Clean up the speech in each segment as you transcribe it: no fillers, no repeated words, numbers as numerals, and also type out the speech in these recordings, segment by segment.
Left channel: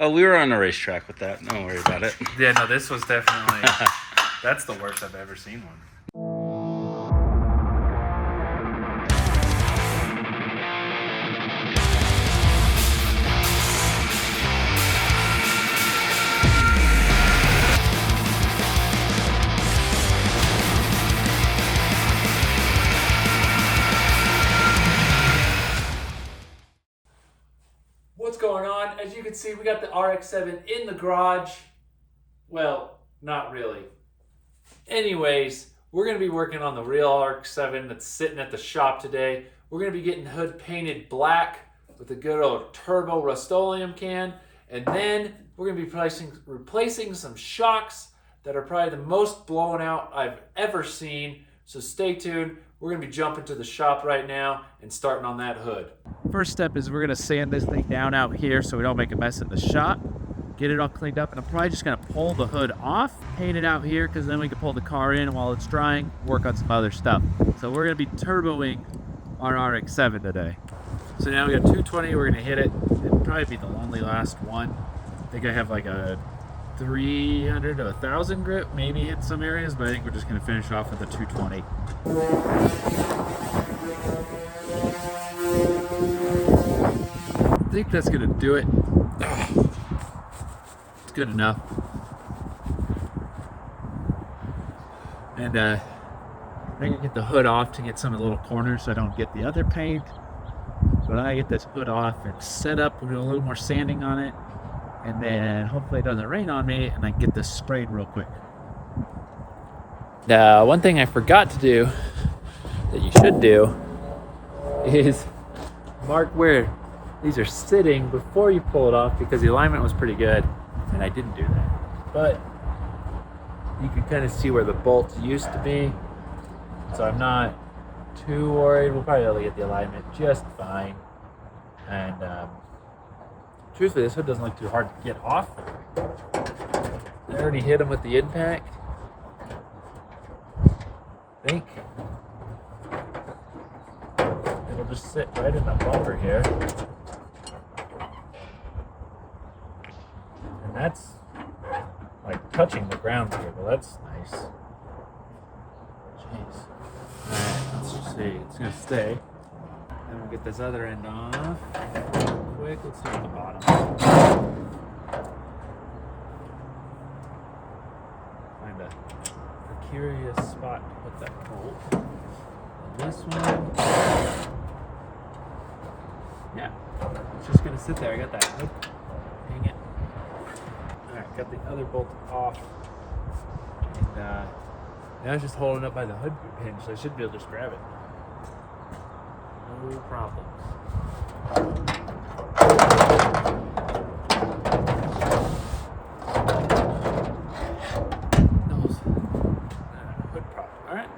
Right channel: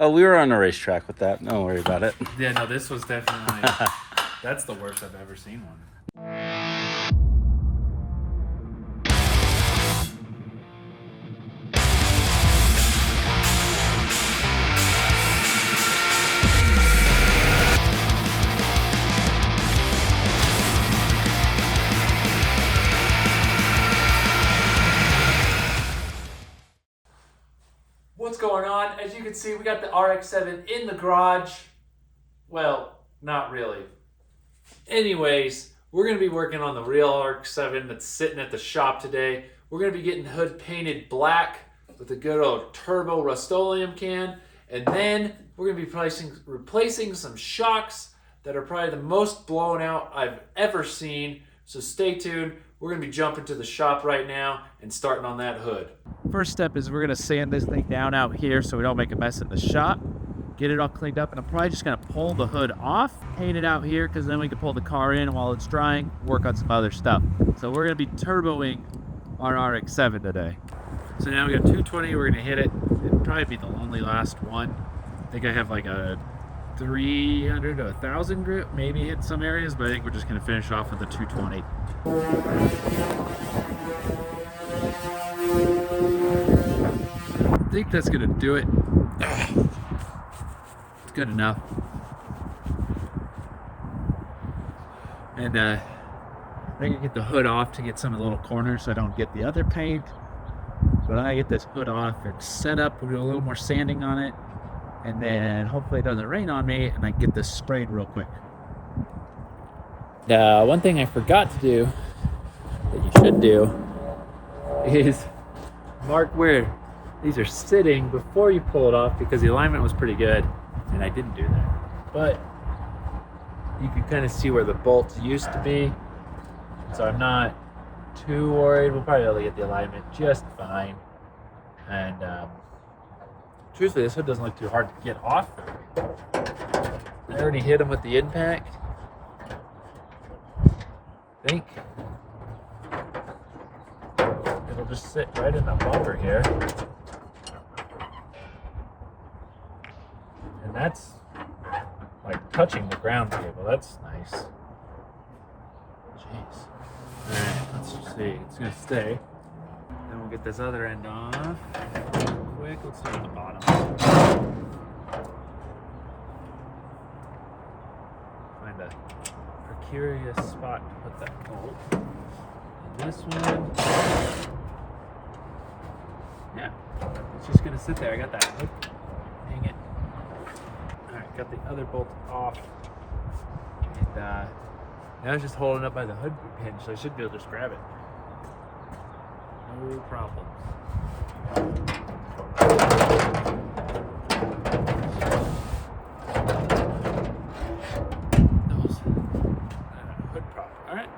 Oh, we were on a racetrack with that. Don't worry about it. Yeah, no, this was definitely, that's the worst I've ever seen one. What's going on? As you can see, we got the RX7 in the garage. Well, not really. Anyways, we're going to be working on the real RX7 that's sitting at the shop today. We're going to be getting hood painted black with a good old turbo Rust-Oleum can. And then we're going to be replacing some shocks that are probably the most blown out I've ever seen. So stay tuned. We're going to be jumping to the shop right now and starting on that hood. First step is we're going to sand this thing down out here so we don't make a mess in the shop. Get it all cleaned up, and I'm probably just going to pull the hood off, paint it out here, because then we can pull the car in while it's drying, work on some other stuff. So we're going to be turboing our RX-7 today. So now we got 220, we're going to hit it. It'll probably be the only last one. I think I have like a 300 to 1,000 grip, maybe hit some areas, but I think we're just going to finish off with a 220. I think that's going to do it. It's good enough. And I think I get the hood off to get some of the little corners so I don't get the other paint. But I get this hood off and set up, we'll do a little more sanding on it. And then hopefully it doesn't rain on me and I can get this sprayed real quick. Now, one thing I forgot to do that you should do is mark where these are sitting before you pull it off, because the alignment was pretty good and I didn't do that. But you can kind of see where the bolts used to be, so I'm not too worried. We'll probably be able to get the alignment just fine. And truthfully, this hood doesn't look too hard to get off. I already hit them with the impact. I think it'll just sit right in the bumper here. And that's like touching the ground here. Well, that's nice. Jeez. Alright, let's just see. It's gonna stay. Then we'll get this other end off. Quick, let's do the bottom. Find a precarious spot to put that bolt. And this one. Yeah, it's just gonna sit there. I got that hood. Dang it. Alright, got the other bolt off. And now it's just holding up by the hood pin, so I should be able to just grab it. No problem. Hood prop. Alright.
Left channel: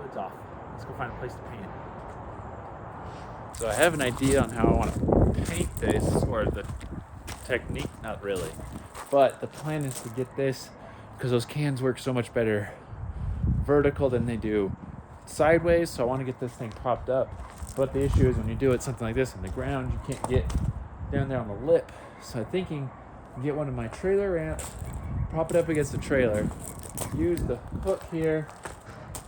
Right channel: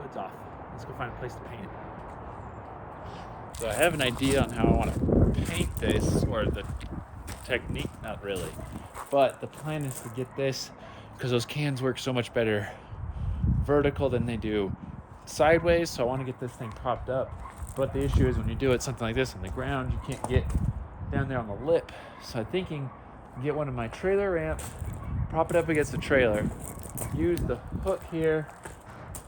Hood's off. Let's go find a place to paint it. So I have an idea on how I want to paint this, or the technique, not really. But the plan is to get this, because those cans work so much better vertical than they do sideways, so I want to get this thing propped up. But the issue is when you do it something like this on the ground, you can't get down there on the lip. So I'm thinking get one of my trailer ramps, prop it up against the trailer, use the hook here,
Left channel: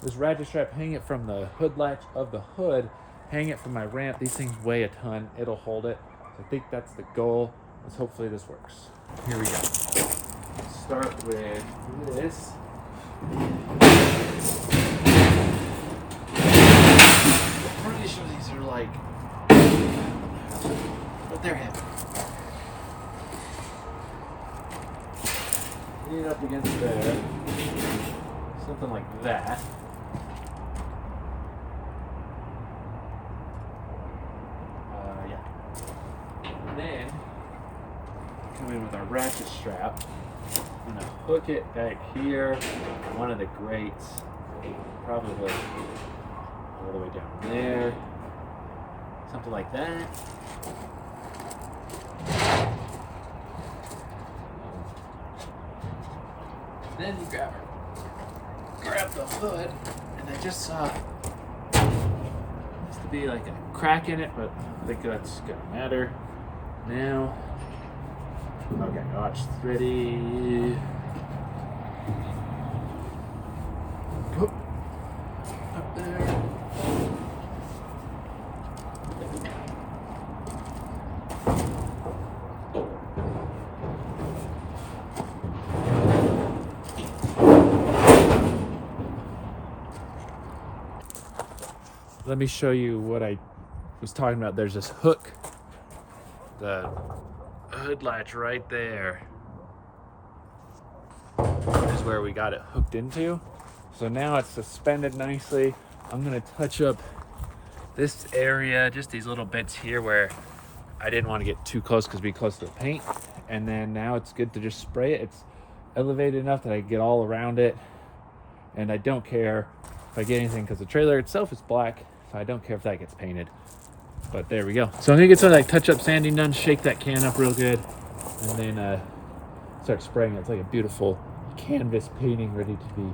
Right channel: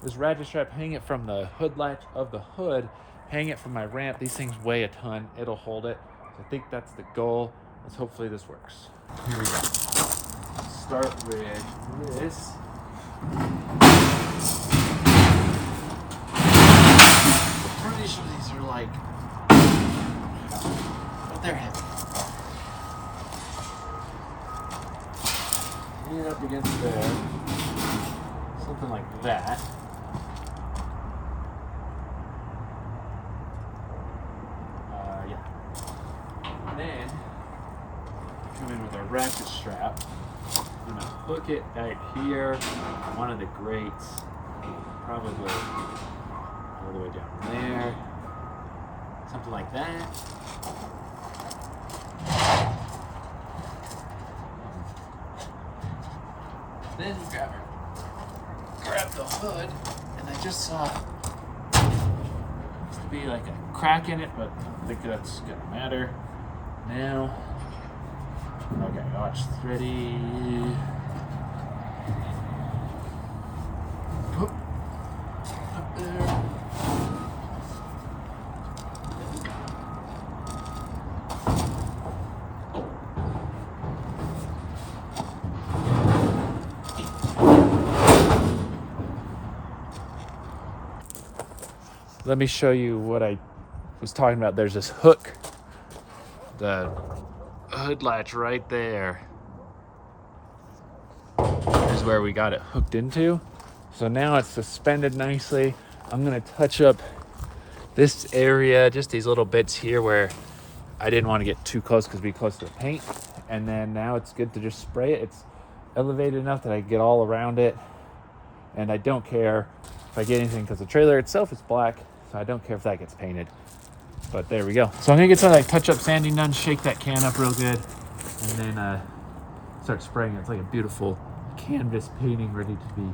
this ratchet strap, hang it from the hood latch of the hood, hang it from my ramp. These things weigh a ton, it'll hold it. So I think that's the goal. Let's hopefully this works. Here we go. Start with this. I'm pretty sure these are like, but they're heavy. Lean it up against there, something like that. Yeah. And then come in with our ratchet strap. I'm gonna hook it back here on one of the grates, probably all the way down there, something like that. Then grab the hood, and I just saw there used to be like a crack in it, but I think that's gonna matter. Now Okay, watch. Ready. Up there. Let me show you what I was talking about. There's this hook, the hood latch right there is where we got it hooked into. So now it's suspended nicely. I'm gonna touch up this area, just these little bits here where I didn't want to get too close because it'd be close to the paint. And then now it's good to just spray it. It's elevated enough that I can get all around it. And I don't care if I get anything because the trailer itself is black. So I don't care if that gets painted. But there we go. So I'm gonna get some of that touch-up sanding done, shake that can up real good, and then start spraying it. It's like a beautiful canvas painting ready to be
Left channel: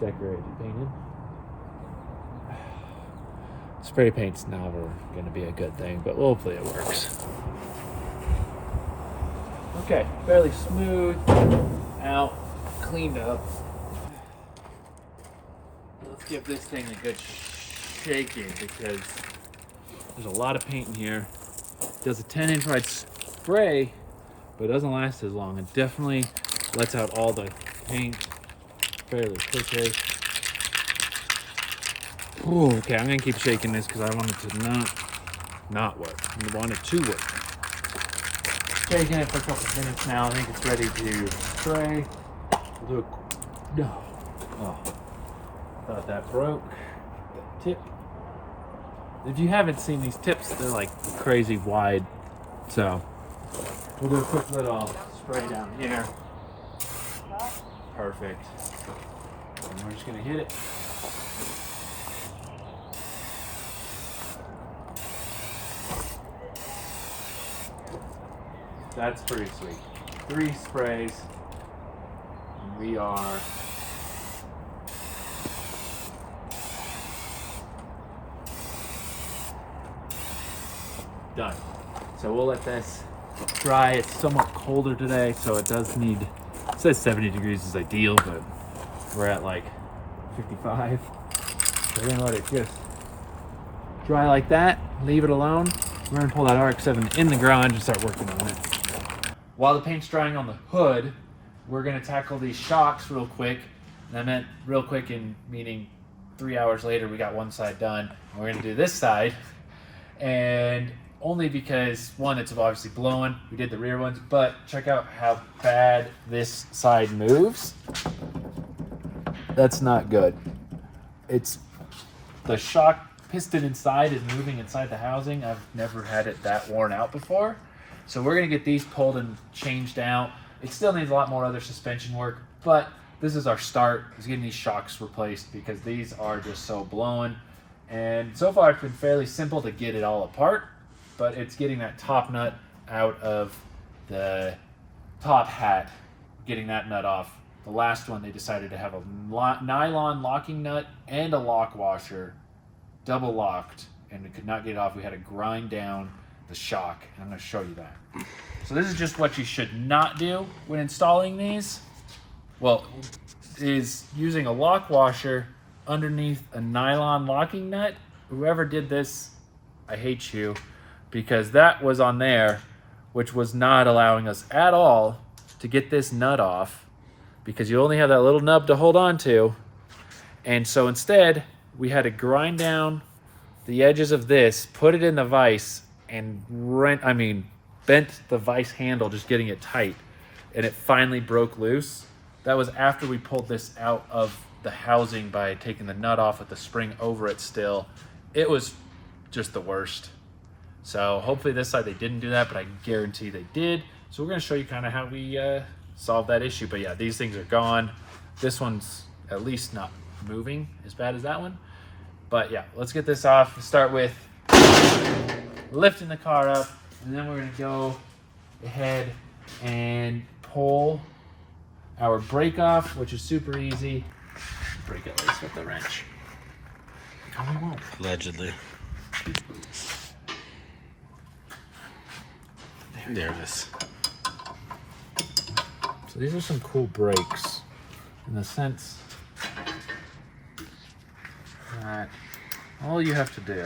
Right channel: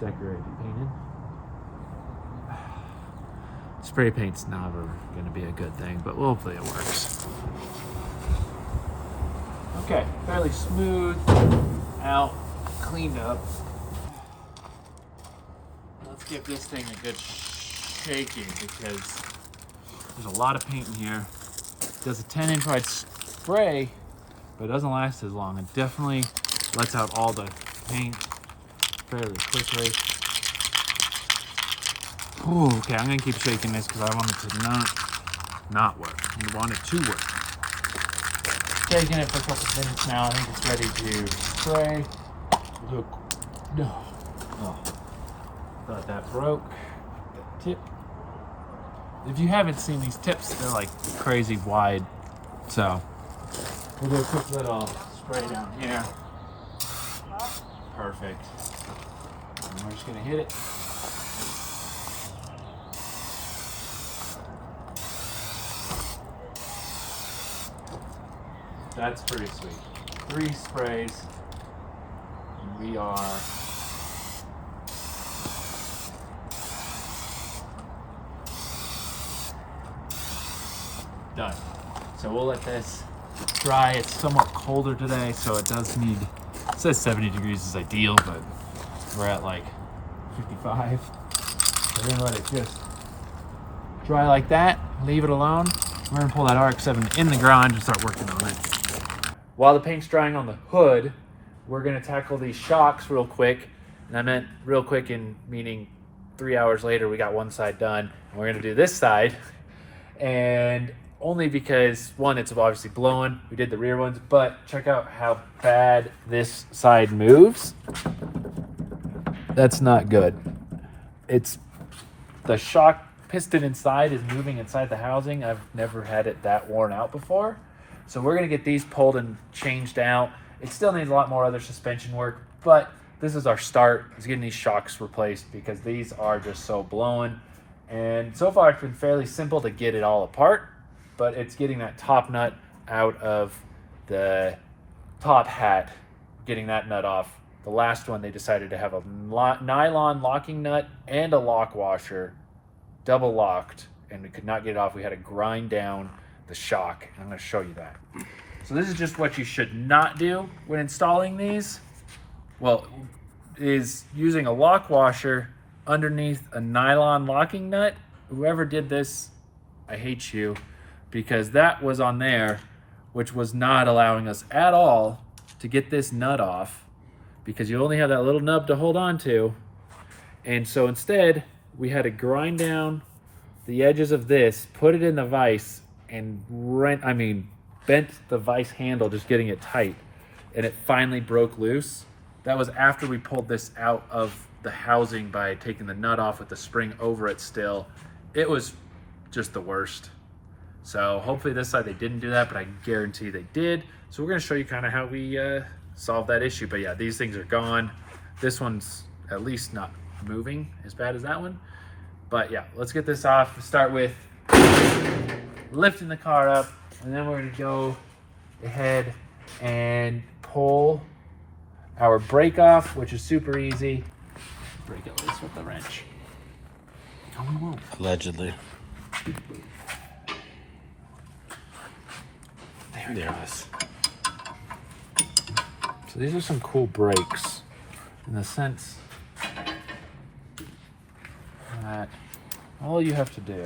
decorated, painted. Spray paint's never gonna be a good thing, but hopefully it works. Okay, fairly smooth out, cleaned up. Let's give this thing a good shaking because there's a lot of paint in here. It does a 10-inch wide spray, but it doesn't last as long. It definitely lets out all the paint fairly quickly. Ooh, okay, I'm gonna keep shaking this because I want it to not work. I want it to work. Shaking it for a couple minutes now. I think it's ready to spray. Look, no. Oh, thought that broke. That tip. If you haven't seen these tips, they're like crazy wide. So we'll do a quick little spray down here. Perfect. And we're just gonna hit it. That's pretty sweet. 3 sprays, and we are done. So we'll let this dry. It's somewhat colder today, so it does need, it says 70 degrees is ideal, but we're at like 55. So we're gonna let it just dry like that, leave it alone. We're gonna pull that Rx7 in the garage and start working on it. While the paint's drying on the hood, we're gonna tackle these shocks real quick. And I meant real quick in meaning 3 hours later, we got one side done. And we're gonna do this side. And only because one, it's obviously blowing. We did the rear ones, but check out how bad this side moves. That's not good. It's the shock piston inside is moving inside the housing. I've never had it that worn out before. So we're gonna get these pulled and changed out. It still needs a lot more other suspension work, but this is our start, is getting these shocks replaced because these are just so blowing. And so far it's been fairly simple to get it all apart, but it's getting that top nut out of the top hat, getting that nut off. The last one, they decided to have a nylon locking nut and a lock washer, double locked, and we could not get it off. We had to grind down the shock, and I'm going to show you that. So this is just what you should not do when installing these. Well, is using a lock washer underneath a nylon locking nut. Whoever did this, I hate you, because that was on there, which was not allowing us at all to get this nut off, because you only have that little nub to hold on to. And so instead, we had to grind down the edges of this, put it in the vise, and bent the vise handle, just getting it tight, and it finally broke loose. That was after we pulled this out of the housing by taking the nut off with the spring over it still. It was just the worst. So hopefully this side they didn't do that, but I guarantee they did. So we're gonna show you kind of how we solved that issue. But yeah, these things are gone. This one's at least not moving as bad as that one. But yeah, let's get this off. Start with lifting the car up, and then we're gonna go ahead and pull our brake off, which is super easy. Brake at least with the wrench. No, we won't. Allegedly. There it is. So these are some cool brakes in the sense that all you have to do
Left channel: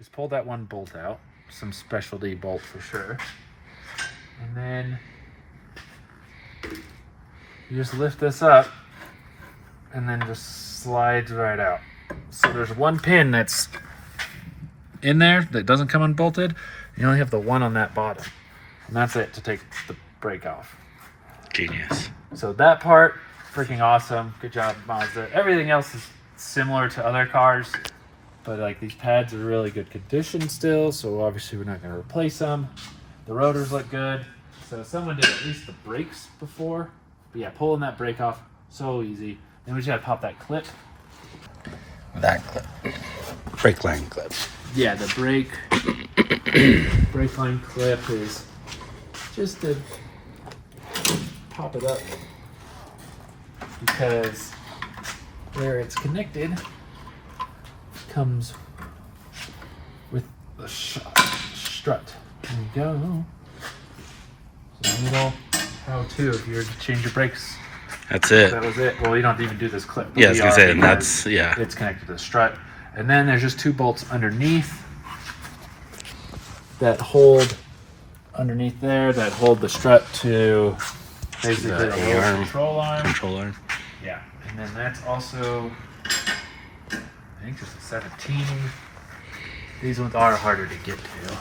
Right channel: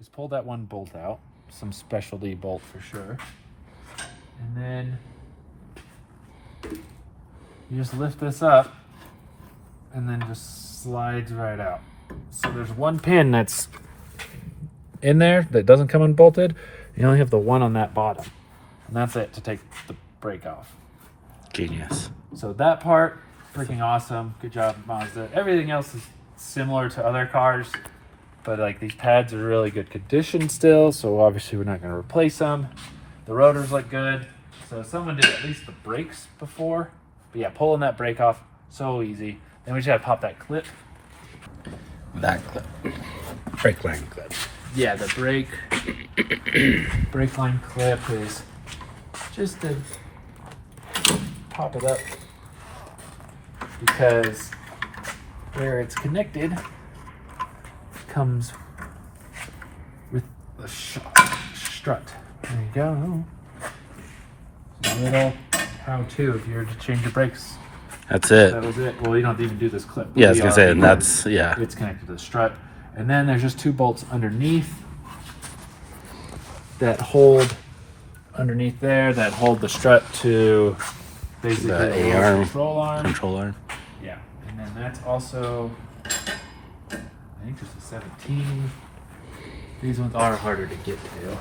is pull that one bolt out, some specialty bolt for sure, and then you just lift this up and then just slides right out. So there's one pin that's in there that doesn't come unbolted. You only have the one on that bottom, and that's it to take the brake off. Genius. So that part, freaking awesome. Good job, Mazda. Everything else is similar to other cars, but like these pads are really good condition still, so obviously we're not going to replace them. The rotors look good. So someone did at least the brakes before. But yeah, pulling that brake off, so easy. Then we just have to pop that clip. That clip. Brake line clip. Yeah, the brake line clip is just to pop it up, because where it's connected comes with the strut. There you go. So a little how-to if you're to change your brakes. That's it. That was it. Well, you don't have to even do this clip. Yeah, I was gonna say, and that's, yeah. It's connected to the strut. And then there's just two bolts underneath that hold underneath there that hold the strut to basically The the A-arm. control arm. Controller. Yeah, and then that's also, I think just a 17. These ones are harder to get to.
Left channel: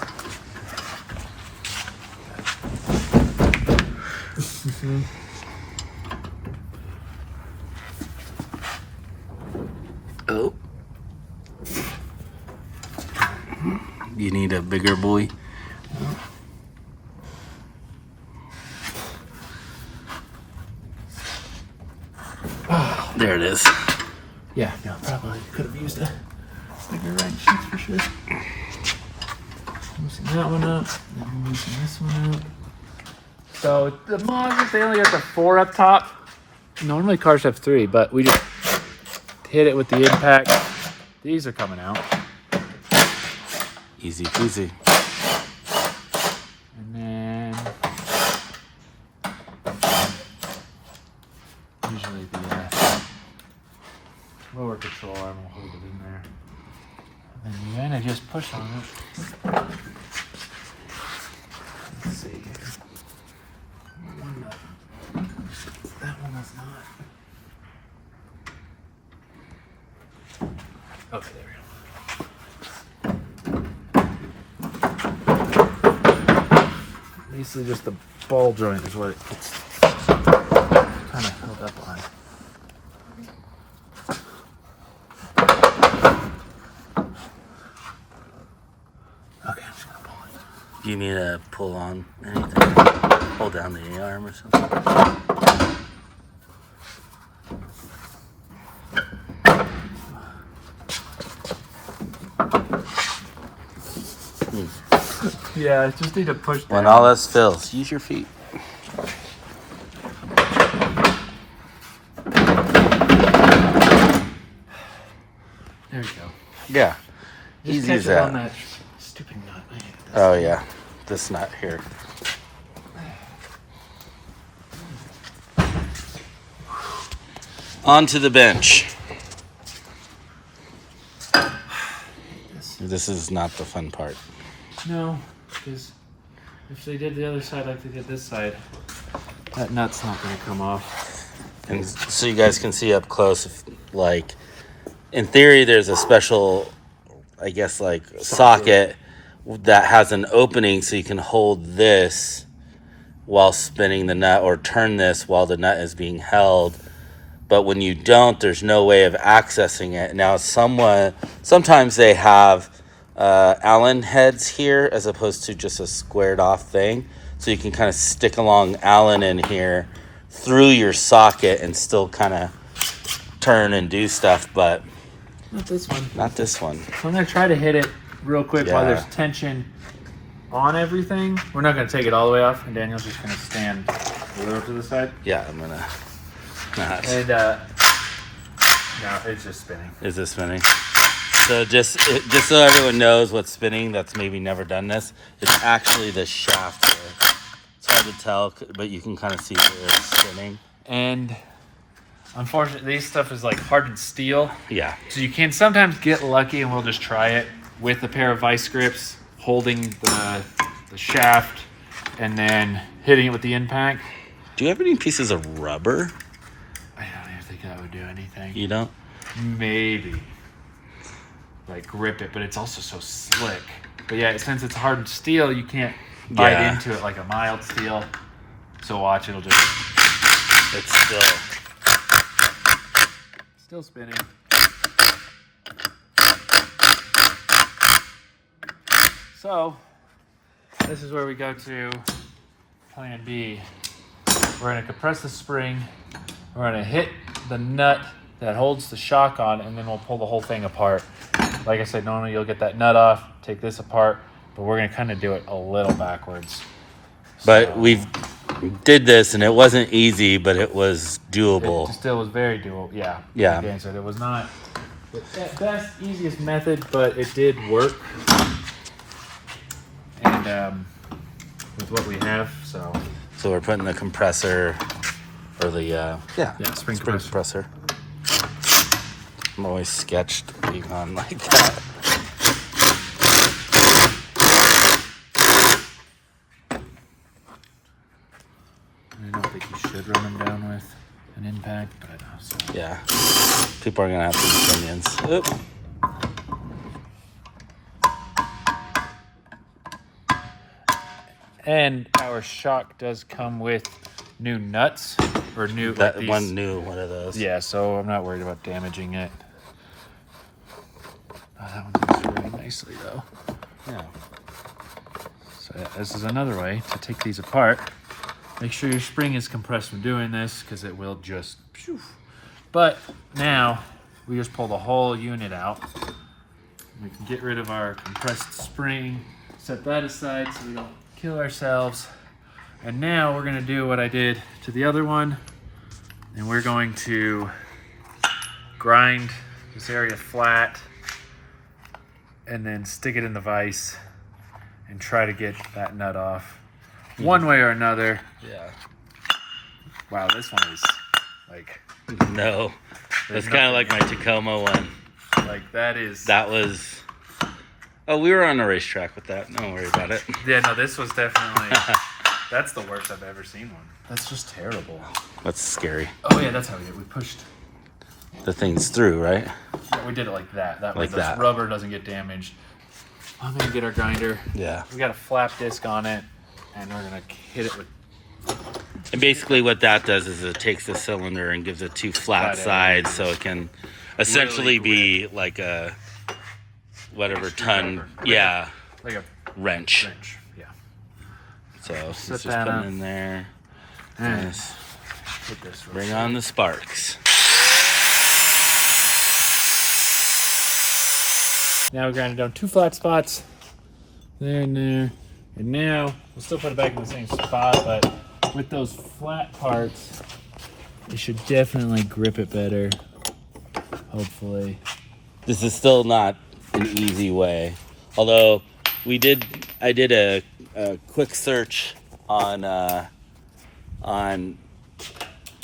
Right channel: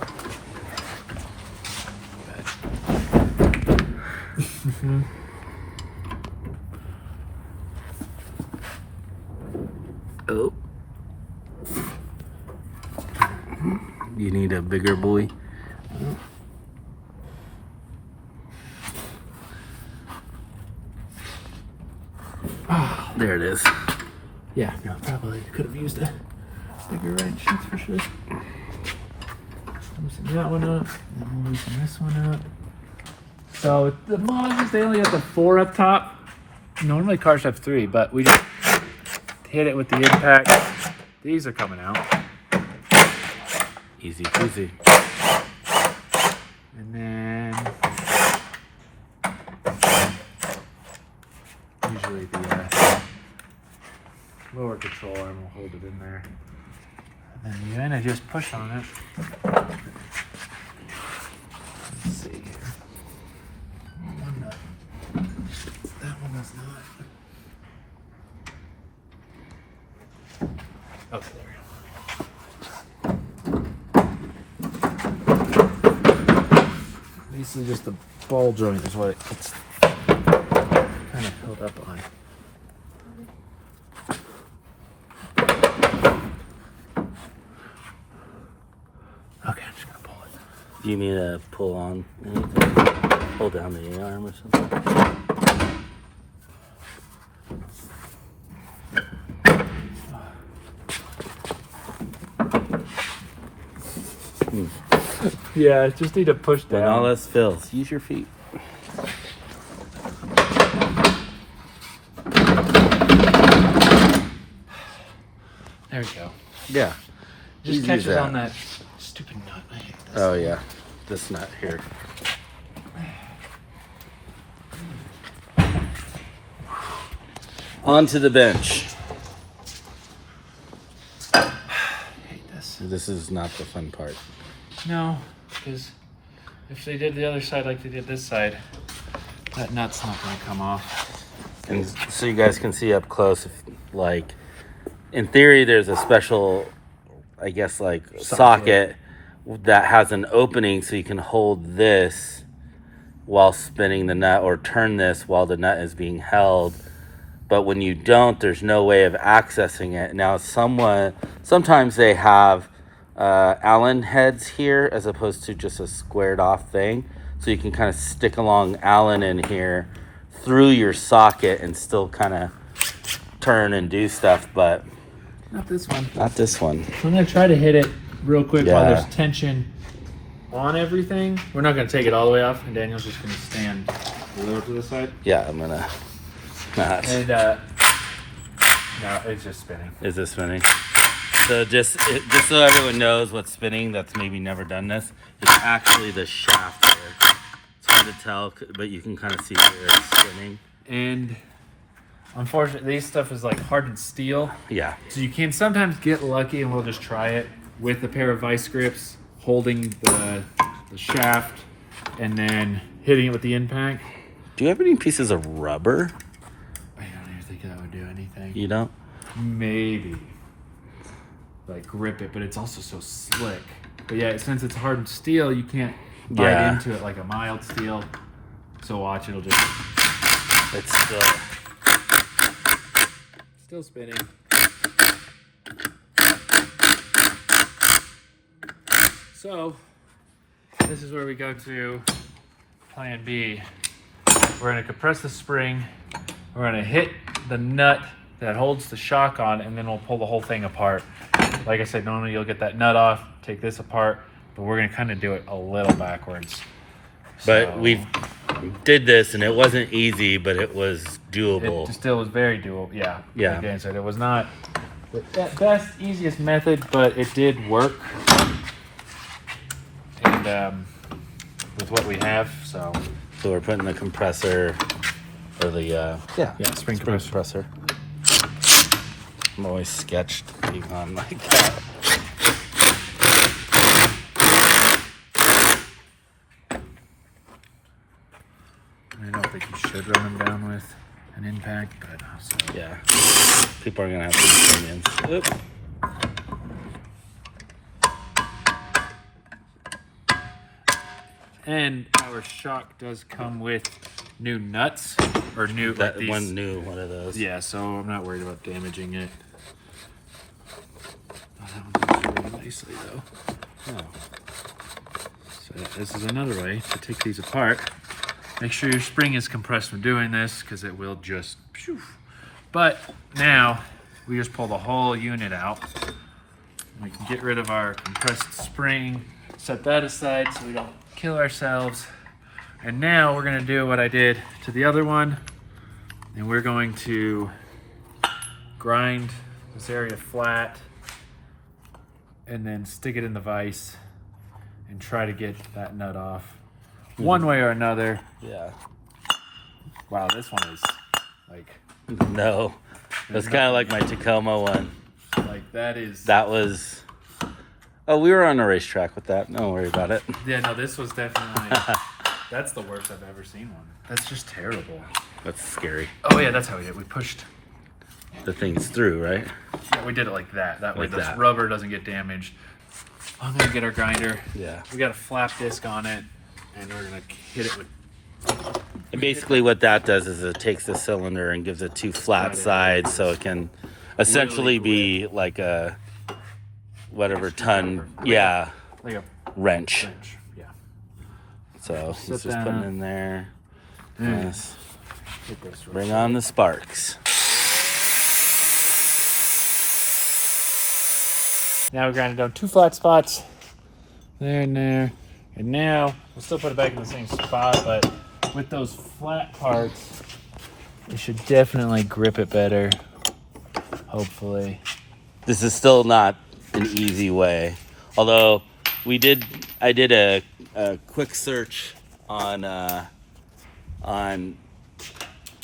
Oh. You need a bigger buoy. There it is. Yeah, no, probably could have used a bigger wrench, that's for sure. Loosen that one up, then we'll loosen this one up. So the Mazdas, they only have the 4 up top. Normally cars have 3, but we just hit it with the impact. These are coming out. Easy peasy. And then usually the lower control arm will hold it in there. And then you kind of just push on it. Let's see here. No. That one was not. Okay, there we go. Basically just the ball joint is what it's kind of held up on. Okay, I'm just gonna pull it. Do you need to pull on anything? Hold down the A-arm or something? Yeah, just need to push down. When all else fails, use your feet. There we go. Yeah. Just Easy catch as it that. on that stupid nut. I hate this. Oh yeah, this nut here. Onto the bench. I hate this. This is not the fun part. No, because if they did the other side like they did this side, that nut's not going to come off. And so you guys can see up close, if, like, in theory, there's a special, I guess, like, socket that has an opening so you can hold this while spinning the nut, or turn this while the nut is being held. But when you don't, there's no way of accessing it. Now, sometimes they have Allen heads here as opposed to just a squared off thing. So you can kind of stick along Allen in here through your socket and still kind of turn and do stuff, but Not this one. not this one. So I'm going to try to hit it real quick while Yeah. there's tension on everything. We're not going to take it all the way off, and Daniel's just going to stand a little to the side. Yeah, I'm gonna not. And, no, it's just spinning. Is this spinning? So just so everyone knows what's spinning, that's maybe never done this, it's actually the shaft there. It's hard to tell, but you can kind of see where it's spinning. And unfortunately, this stuff is like hardened steel. Yeah. So you can sometimes get lucky, and we'll just try it with a pair of vice grips, holding the shaft, and then hitting it with the impact. Do you have any pieces of rubber? I don't even think that would do anything. You don't? Maybe. Like grip it, but it's also so slick. But yeah, since it's hardened steel, you can't bite into it like a mild steel. So watch, it'll just... It's Still spinning. So, this is where we go to plan B. We're going to compress the spring. We're going to hit the nut that holds the shock on, and then we'll pull the whole thing apart. Like I said, normally you'll get that nut off, take this apart, but we're going to kind of do it a little backwards. But we did this, and it wasn't easy, but it was doable. It still was very doable. Yeah. Yeah. Like Dan said, it was not the best, easiest method, but it did work. And with what we have, so we're putting the compressor, or the spring compressor. I'm always sketched being on like that. I don't think you should run them down with an impact, but so. Yeah, people are gonna have some opinions. Oop. And our shock does come with new nuts, or new That one new one of those. Yeah, so I'm not worried about damaging it. Oh, that one goes really nicely though. Yeah. So yeah, this is another way to take these apart. Make sure your spring is compressed when doing this, because it will just... Phew. But now, we just pull the whole unit out. We can get rid of our compressed spring, set that aside so we don't kill ourselves. And now we're going to do what I did to the other one, and we're going to grind this area flat and then stick it in the vise and try to get that nut off one way or another. Yeah. Wow, this one is like... No. That's kind of like my Tacoma one. Like, that is... That was... Oh, we were on a racetrack with that. Don't worry about it. Yeah, no, this was definitely... That's the worst I've ever seen one. That's just terrible. That's scary. Oh, yeah, that's how we did it. We pushed... The thing's through, right? Yeah, we did it like that. That way Like the that. rubber doesn't get damaged. I'm going to get our grinder. Yeah. We got a flap disc on it, and we're going to hit it with... And basically what that does is it takes the cylinder and gives it two flat sides so it can essentially be like a whatever ton, yeah, Like a wrench. wrench. Yeah. So Set it's just that putting up. in there. Mm. Yes. Hit this real Bring quick. on the sparks. Now we grinded down two flat spots. There and there. And now we'll still put it back in the same spot, but with those flat parts, you should definitely grip it better. Hopefully. This is still not an easy way. Although I did a quick search on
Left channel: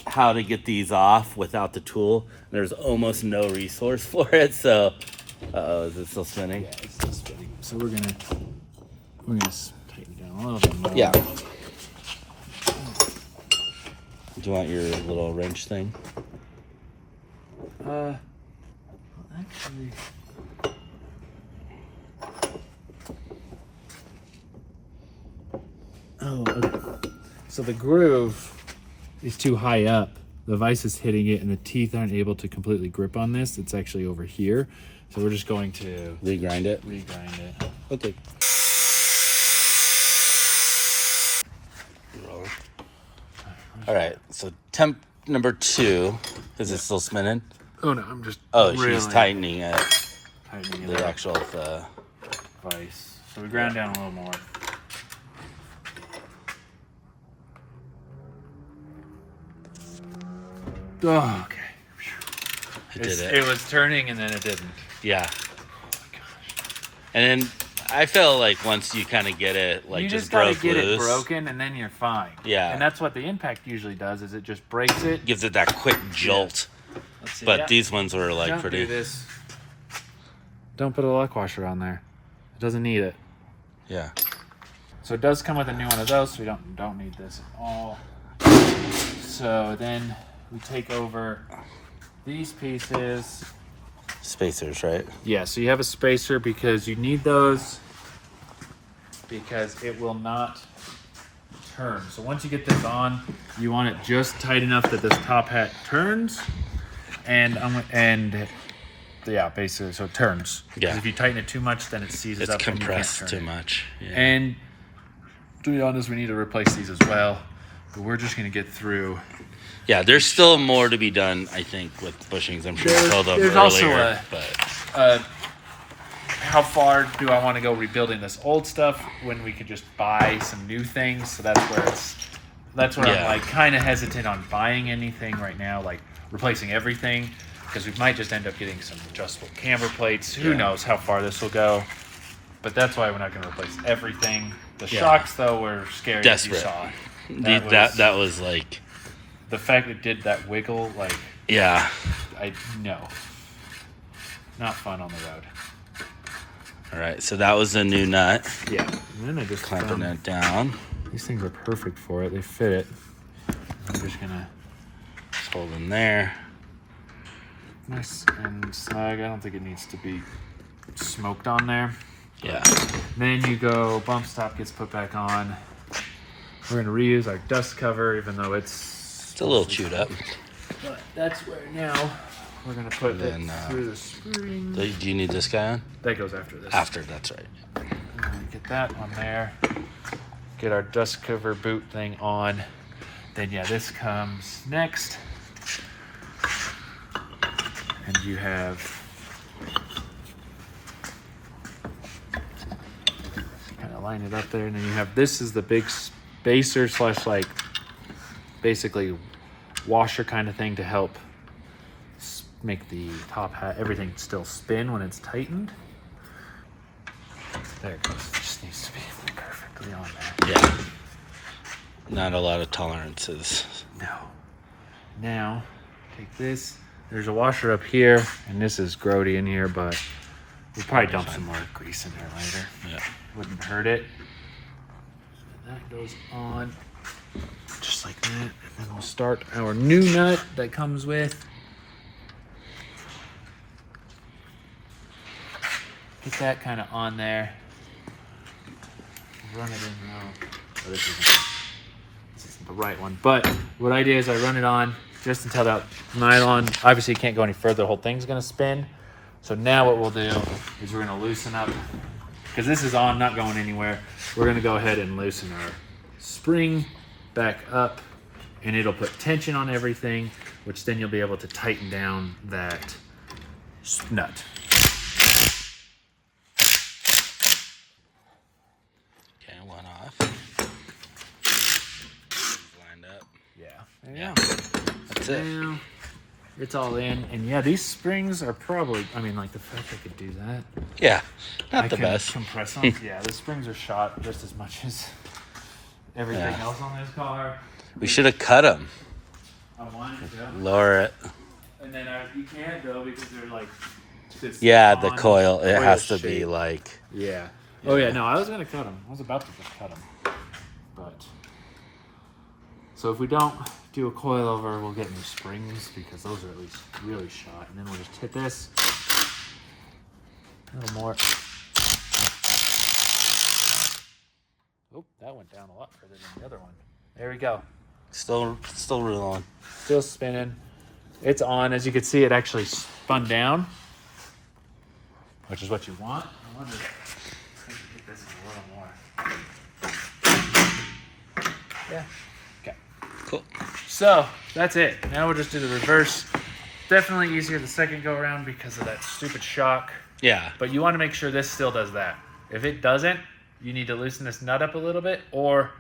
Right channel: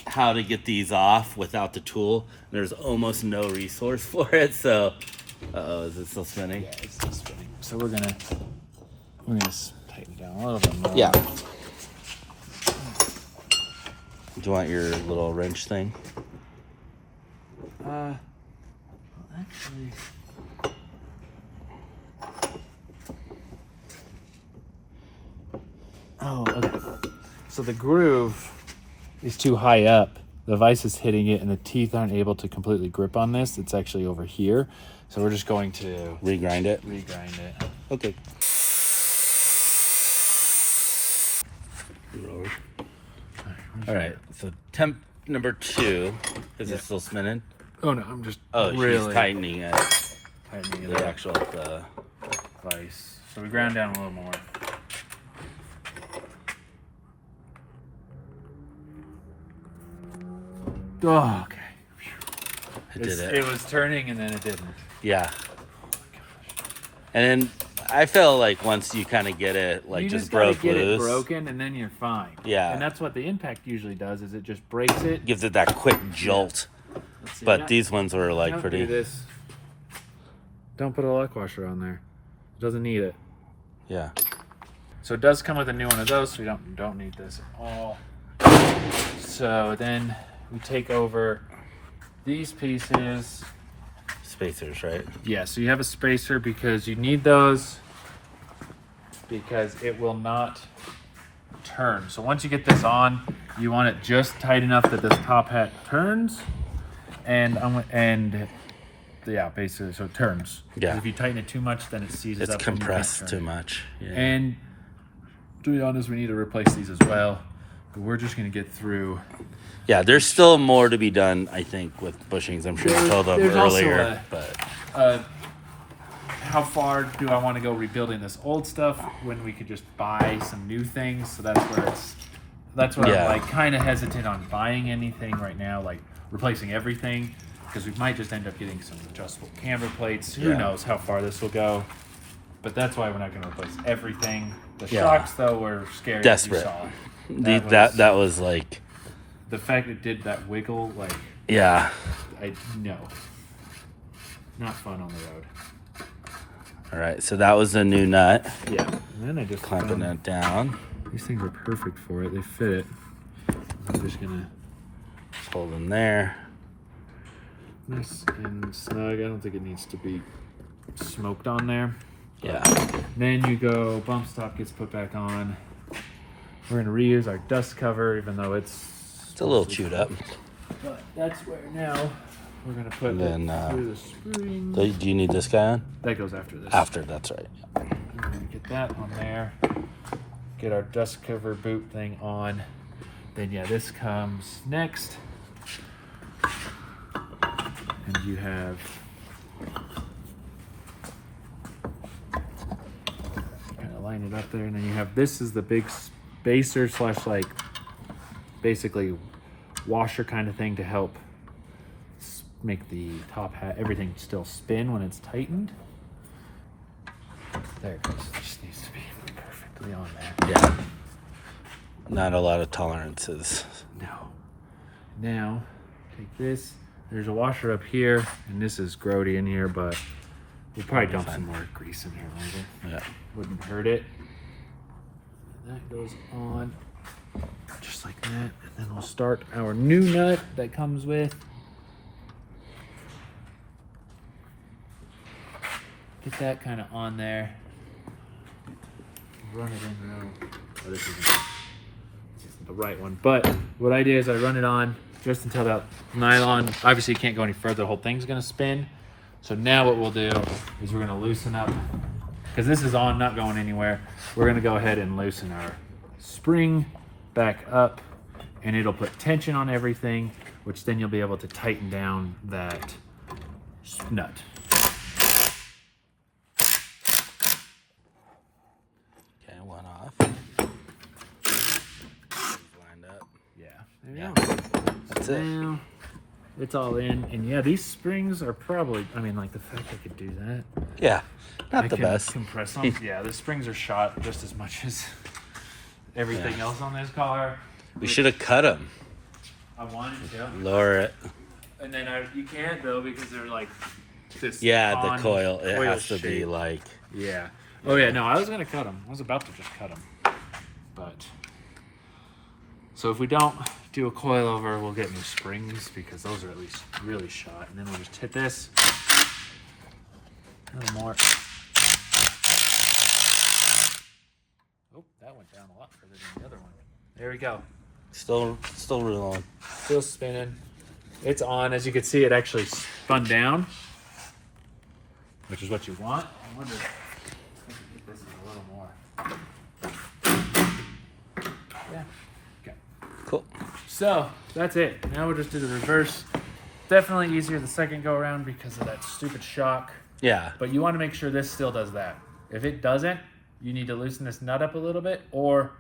how to get these off without the tool. There's almost no resource for it, so is it still spinning? Yeah, it's still spinning. So we're gonna tighten it down a little bit more. Yeah. Do you want your little wrench thing? Actually. Oh, okay. So the groove is too high up. The vise is hitting it, and the teeth aren't able to completely grip on this. It's actually over here. So we're just going to Regrind it? regrind it. Okay. All right, so temp number 2, is it still spinning? Oh no, I'm just She's tightening it. tightening it The up. actual, Vise. So we ground down a little more. Oh, okay. I did it. It was turning and then it didn't. Yeah. And then I feel like once you kind of get it, like You just gotta broke get loose, it broken, and then you're fine. Yeah. And that's what the impact usually does, is it just breaks it. gives it that quick jolt. Let's see, But yeah. these ones were like Don't do pretty. this. Don't put a lock washer on there. It doesn't need it. Yeah. So it does come with a new one of those, so we don't need this at all. So then we take over these pieces. Spacers, right? Yeah, so you have a spacer because you need those because it will not turn. So once you get this on, you want it just tight enough that this top hat turns, and yeah, basically, so it turns. Yeah. 'Cause if you tighten it too much, then it seizes It's up. and you can't compressed turn too it. much. Yeah. And to be honest, we need to replace these as well. But we're just gonna get through. Yeah, there's still more to be done, I think, with bushings. I'm sure I told them There's also earlier, but How far do I want to go rebuilding this old stuff when we could just buy some new things? So that's where Yeah. I'm like kind of hesitant on buying anything right now, like replacing everything, because we might just end up getting some adjustable camber plates. Who Yeah. knows how far this will go? But that's why we're not going to replace everything. The Yeah. shocks, though, were scary. Desperate. As you saw. that was like, The fact it did that wiggle, like, yeah. no. Not fun on the road. All right, so that was the new nut. Yeah. And then I just Clamping it down. These things are perfect for it. They fit it. I'm just gonna Just hold in there. nice and snug. I don't think it needs to be smoked on there. Yeah. Then you go, bump stop gets put back on. We're gonna reuse our dust cover, even though It's a little chewed up. But that's where now we're gonna put Then, it through the spring. So do you need this guy on? That goes after this. After, that's right. We're gonna get that on there. Get our dust cover boot thing on. Then yeah, this comes next. And you have kind of line it up there, and then you have this is the big spacer slash like basically washer kind of thing to help make the top hat everything still spin when it's tightened. There it goes. It just needs to be perfectly on there. Yeah. Not a lot of tolerances. No. Now, take this. There's a washer up here, and this is grody in here, but we'll probably dump some more grease in there later. Yeah. Wouldn't hurt it. And that goes on just like that. And then we'll start our new nut that comes with. Get that kind of on there. Run it in now. Oh, this isn't the right one. But what I do is I run it on just until that nylon, obviously you can't go any further, the whole thing's gonna spin. So now what we'll do is we're gonna loosen up, because this is on, not going anywhere. We're gonna go ahead and loosen our spring back up, and it'll put tension on everything, which then you'll be able to tighten down that nut. Okay, one off. Lined up. Yeah. Yeah. That's it. Now, it's all in, and yeah, these springs are probably, I mean, like the fact I could do that. Yeah. Not I the can best. compress them. Yeah, the springs are shot just as much as everything Yeah. else on this car. We should have cut them. I wanted to, Lower it. and then you can't though because they're like this. Yeah, the on coil. It has to be shape. like. Yeah. Oh yeah, no, I was gonna cut them. I was about to just cut them, but so if we don't do a coil over, we'll get new springs because those are at least really shot, and then we'll just hit this. A little more. Oh, that went down a lot further than the other one. There we go. Still rolling. Still spinning. It's on. As you can see, it actually spun down, which is what you want. I wonder if I can get this a little more. Yeah. Okay. Cool. So that's it. Now we'll just do the reverse. Definitely easier the second go around because of that stupid shock. Yeah. But you want to make sure this still does that. If it doesn't, you need to loosen this nut up a little bit or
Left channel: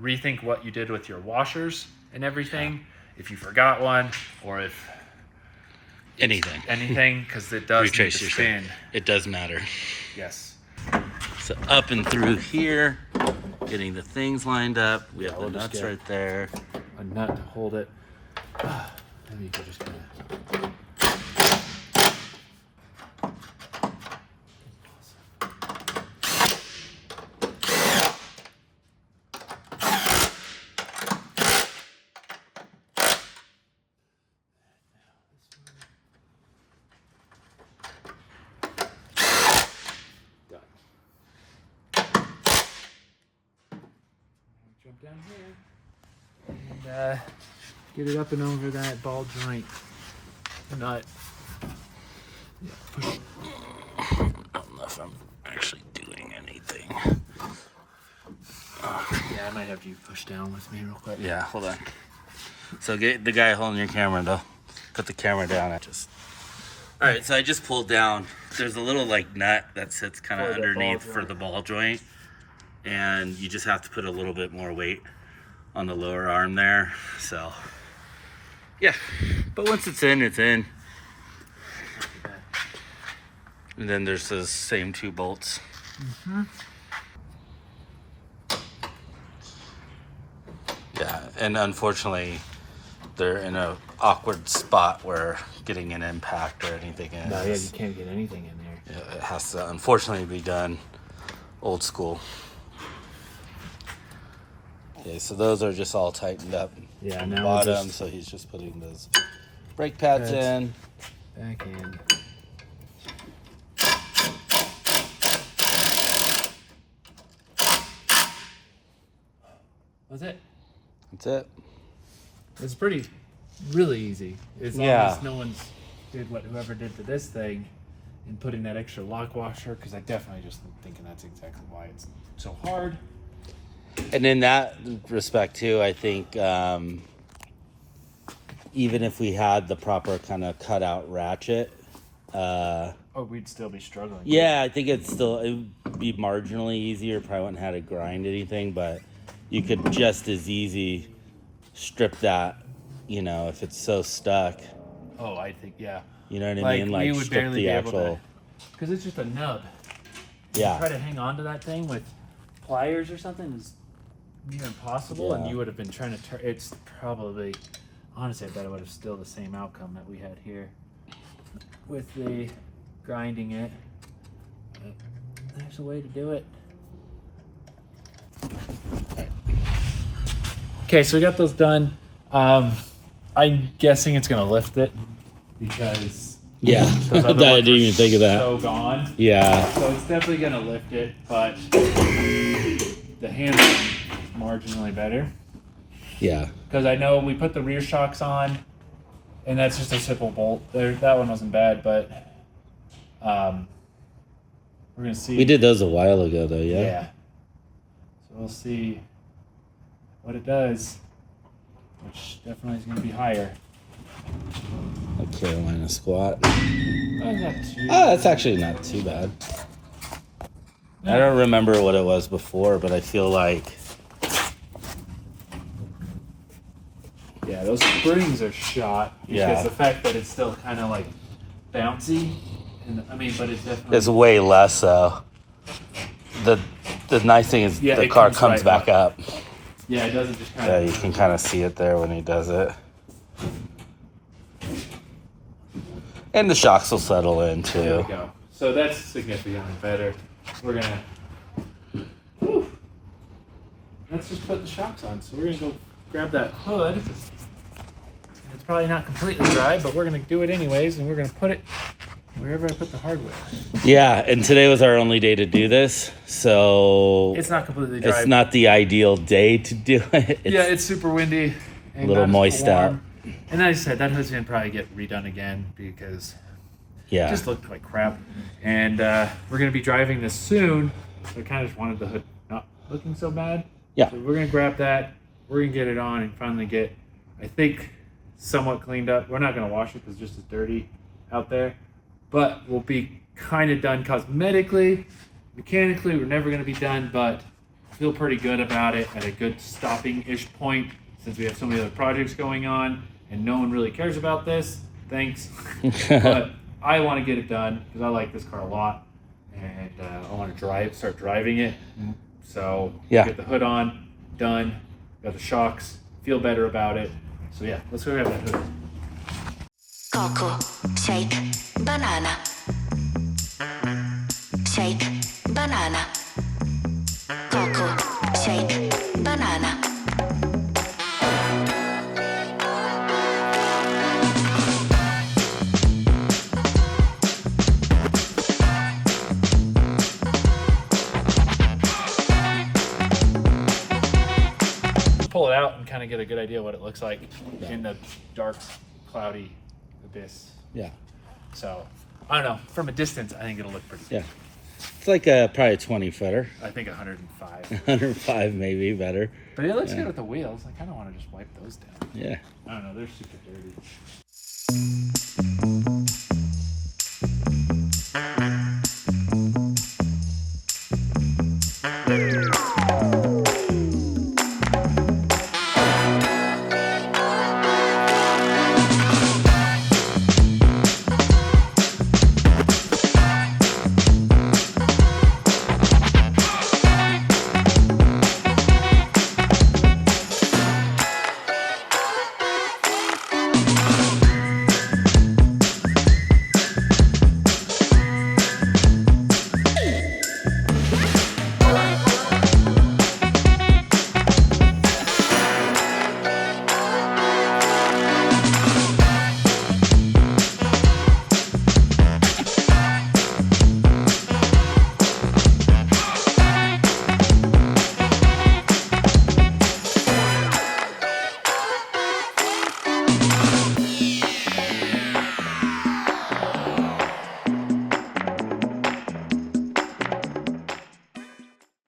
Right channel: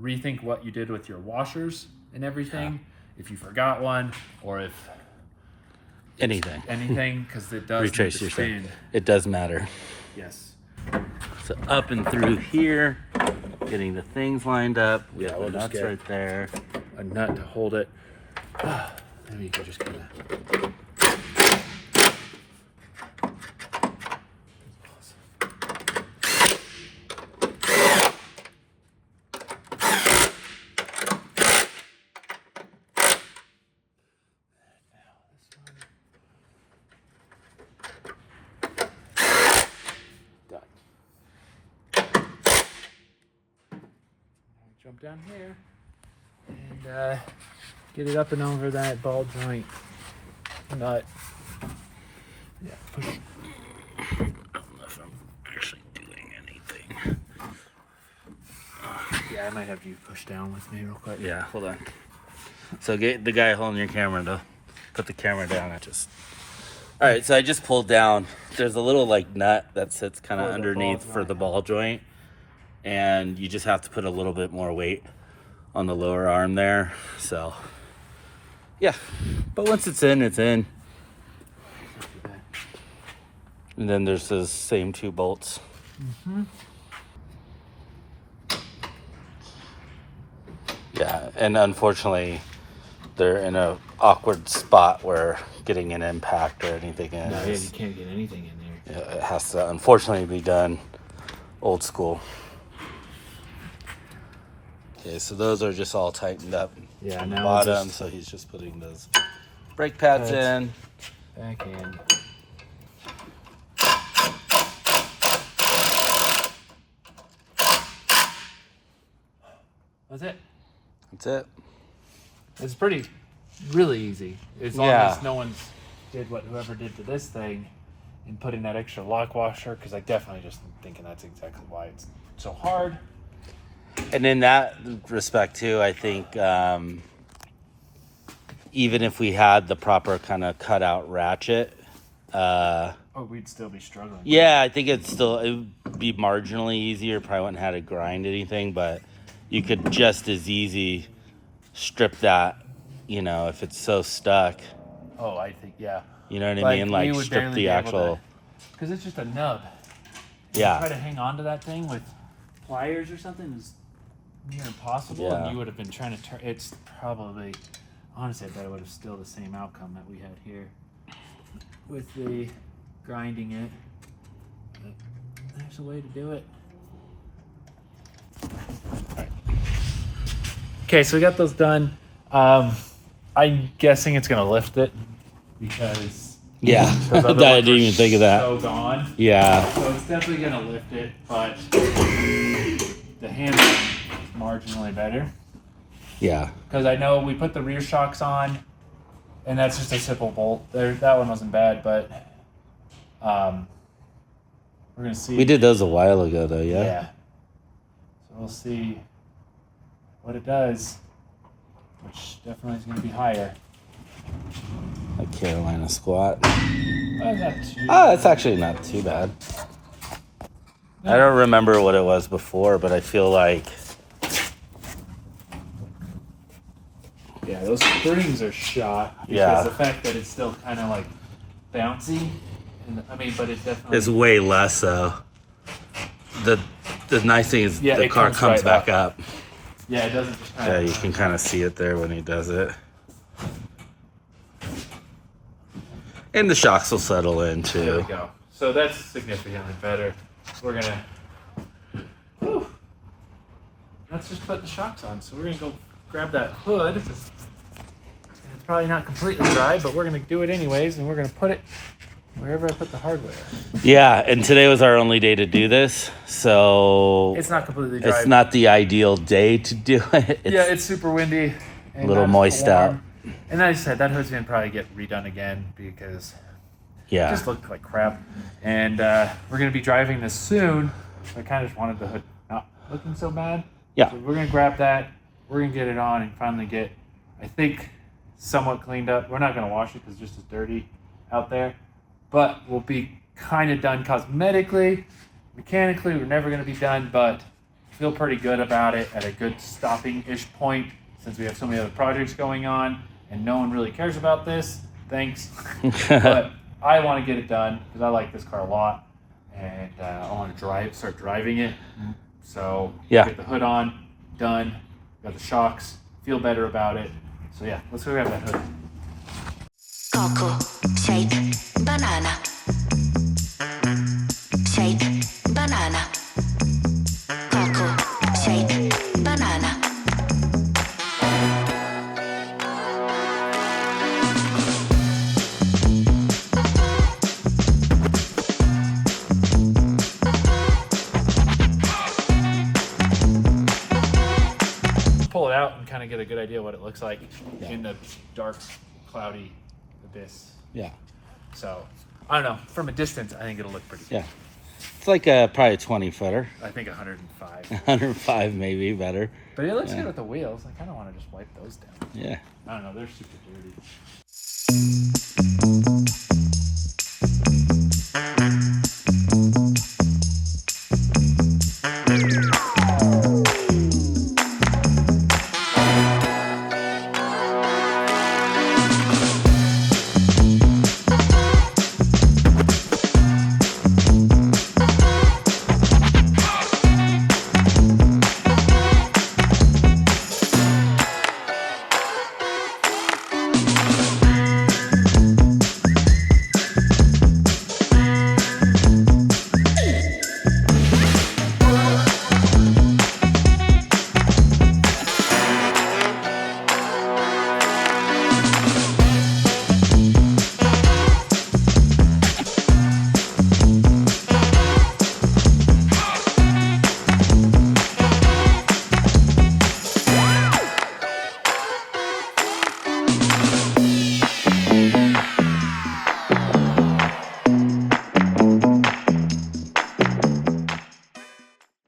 rethink what you did with your washers and everything. Yeah. If you forgot one or if anything, because it does retrace need to your spin. It does matter. Yes. So up and through here, getting the things lined up. We have the we'll just nuts get right there. a nut to hold it. Maybe you could just kind of. Jump down here and get it up and over that ball joint nut. Yeah, push. I don't know if I'm actually doing anything. Yeah, I might have you push down with me real quick. Yeah, hold on. So get the guy holding your camera though. Put the camera down. All right, so I just pulled down. There's a little like nut that sits kind of underneath for the ball joint. And you just have to put a little bit more weight on the lower arm there. So, yeah. But once it's in, it's in. And then there's those same 2 bolts. Mm-hmm. Yeah, and unfortunately, they're in a awkward spot where getting an impact or anything in. No, yeah, you can't get anything in there. Yeah, it has to unfortunately be done old school. Okay, so those are just all tightened up. Yeah, on the now bottom. So he's just putting those brake pads in. Back in. That's it. That's it. It's really easy. As long Yeah. as no one's did what whoever did to this thing and put in that extra lock washer, because I definitely just thinking that's exactly why it's so hard. And in that respect too, I think even if we had the proper kind of cutout ratchet, We'd still be struggling. yeah, I think it would be marginally easier. Probably wouldn't have to grind anything, but you could just as easy strip that, if it's so stuck. Oh, I think, yeah. You know what I mean? Like strip the actual. Because it's just a nub. Yeah. Try to hang on to that thing with pliers or something is near impossible, and Yeah. you would have been trying to turn. It's probably, honestly, I bet it would have still the same outcome that we had here with the grinding it. But there's a way to do it. Okay, so we got those done. I'm guessing it's gonna lift it because Yeah, those other I ones didn't were even think of that. So gone. Yeah. So it's definitely gonna lift it, but the handle is marginally better. Yeah. Because I know we put the rear shocks on, and that's just a simple bolt. That one wasn't bad, but we're gonna see. We did those a while ago though, yeah? Yeah. So we'll see what it does, which definitely is gonna be higher. A Carolina squat. Not too Oh, it's actually not too bad. I don't remember what it was before, but I feel like Yeah, those springs are shot because Yeah. the fact that it's still kind of like bouncy, and but it's definitely it's way less so. The nice thing is Yeah, the it car comes comes right back up. yeah, it doesn't just kind Yeah, of you can kind of see it there when he does it. And the shocks will settle in There too. we go. So that's significantly better. We're gonna. Whew. Let's just put the shocks on. So we're gonna go grab that hood. And it's probably not completely dry, but we're gonna do it anyways, and we're gonna put it wherever I put the hardware. Yeah, and today was our only day to do this, so It's not completely dry. it's not the ideal day to do it. Yeah, it's super windy. And A little not moist out. warm. And like I said, that hood's gonna probably get redone again because it Yeah. just looked like crap. And we're gonna be driving this soon. So I kind of just wanted the hood not looking so bad. Yeah. So we're gonna grab that. We're gonna get it on and finally get, I think, somewhat cleaned up. We're not gonna wash it because it's just as dirty out there. But we'll be kind of done cosmetically. Mechanically, we're never gonna be done, but I feel pretty good about it at a good stopping-ish point since we have so many other projects going on and no one really cares about this. Thanks. But I want to get it done because I like this car a lot. and I want to start driving it. So Yeah. get the hood on, done. Got the shocks, feel better about it. So yeah, let's go grab that hood. Cocoa, shake, banana. Shake, banana. Cocoa, shake, banana. Pull it out and kind of get a good idea what it looks like in the dark, cloudy abyss. Yeah. So I don't know. From a distance, I think it'll look pretty good. Yeah. It's like probably a 20 footer. I think 105. 105 maybe better. But it looks good with the wheels. I kind of want to just wipe those down. Yeah. I don't know. They're super dirty.